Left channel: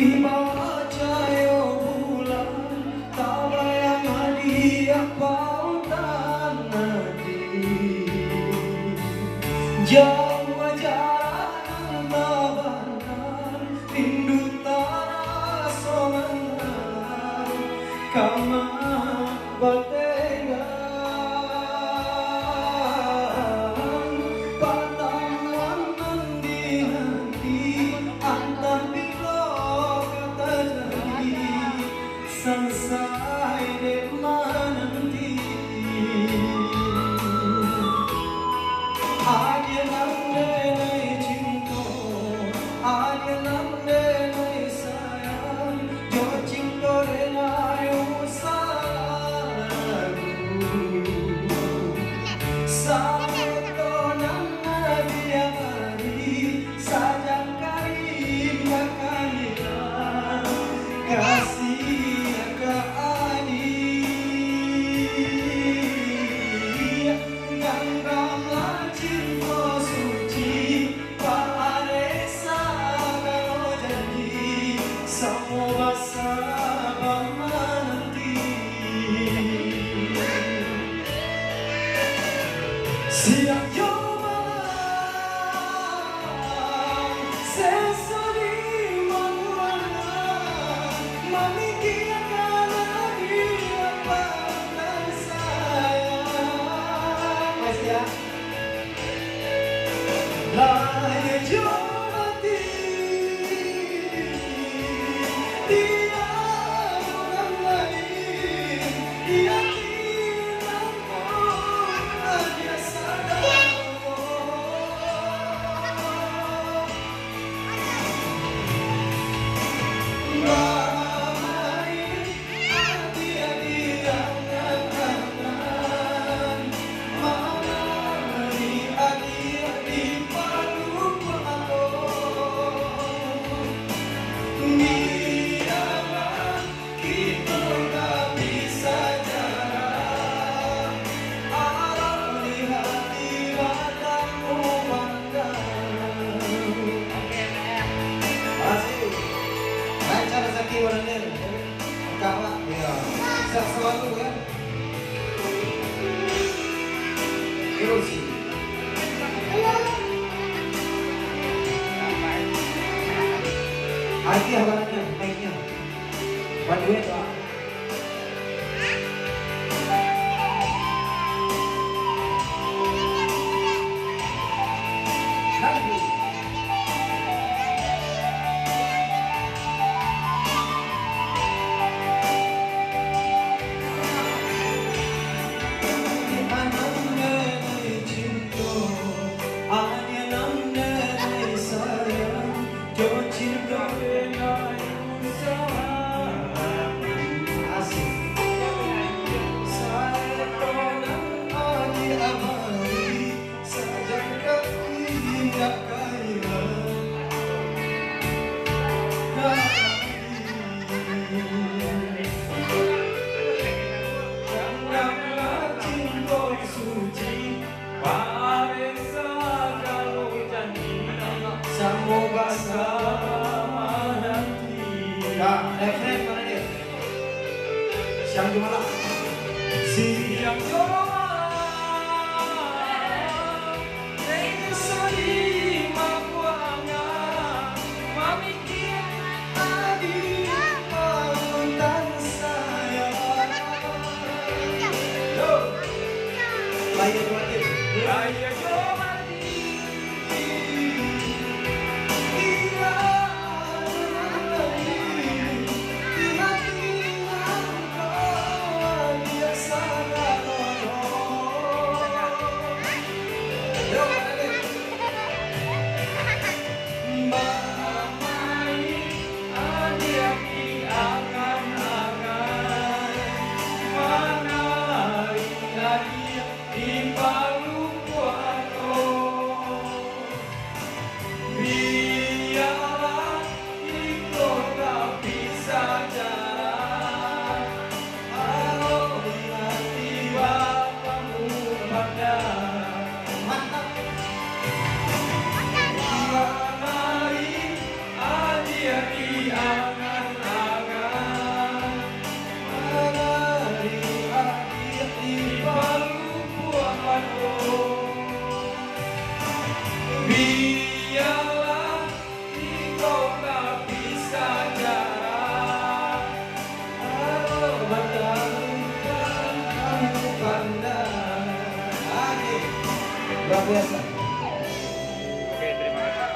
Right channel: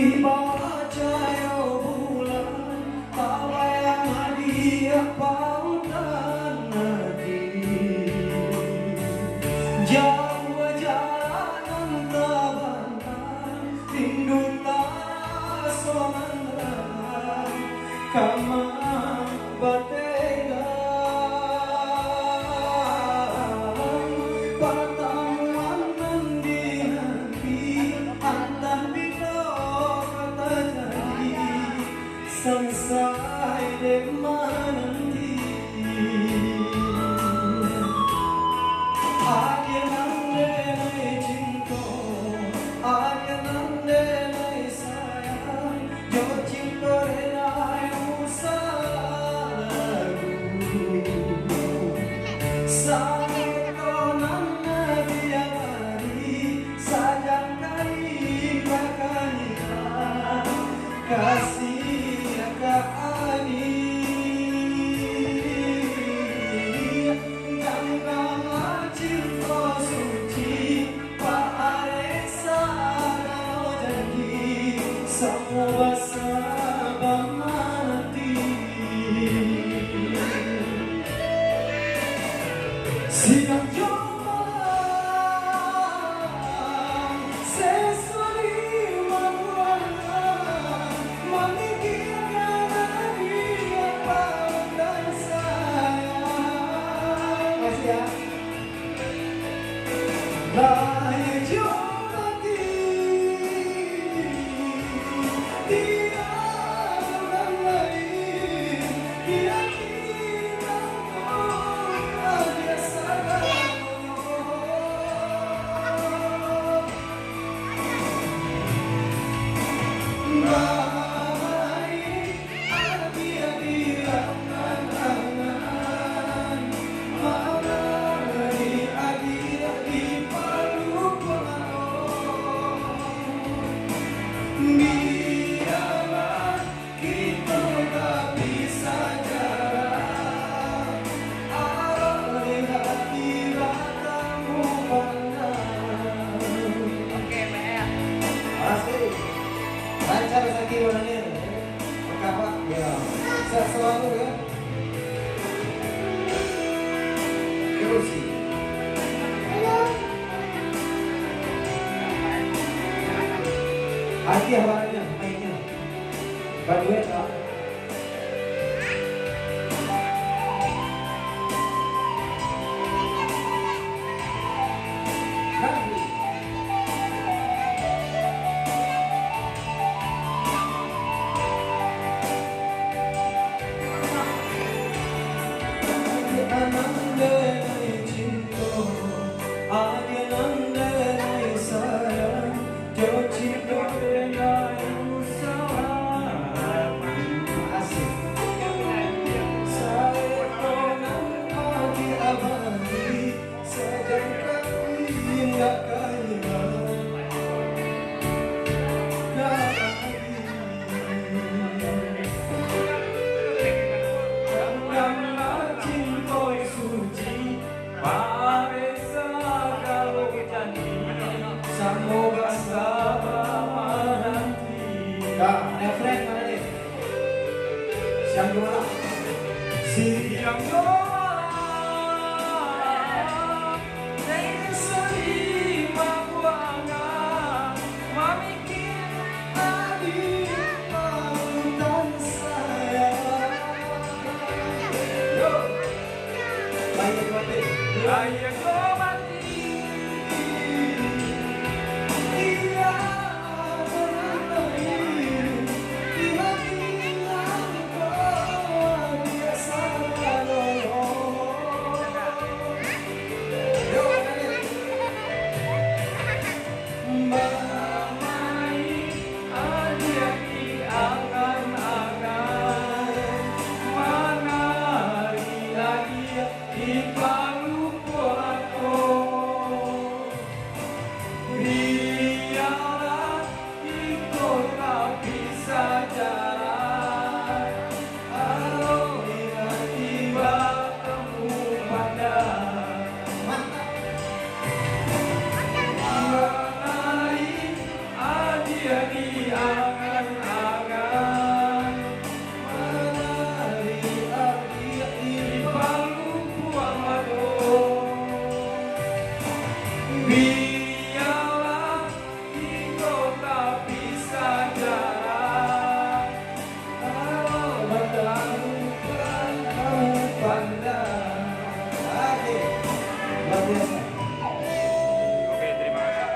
di bawah cahaya bulan, tak bayang hadiah pautan hati. Jauh jalan tabanan, rindu tanah somenang, kama batega. Pertemuan menanti, antah bila kata jadi, selesai di menanti. Aja nande cinta, aja nande sayang, jo cinta renai usalaku. Sampai tonan dia hari, sajak kari makannya, kasih ke ani. Ganggalah cinta suci, Pak Aresa kalau janji, semua sabar nanti. Sidang coba sesali memikirkan dia pada saya. Masih ya? Lahir jumati tidak bukan lain, dia biarlah kita tak bisa jarak, lihat di matamu pandang. Oke, Pak. Makasih. Lancar rezeki orangnya. Oke, Pak. Ya. Sehat selalu ya. Terus. Hadiah barangnya, baiknya. Bantuin Pak. Lagu. Anandai cinta, aja nandai sayang, jo cinta renai usalaku. Asik. Saya konan aji abadi, sejak kaki nggak kaya. Ganggalah cinta suci, Pak Aresa kalau janji, semoga sabar menanti. Nah, refreng mana nih? Siang juara. Siang juara.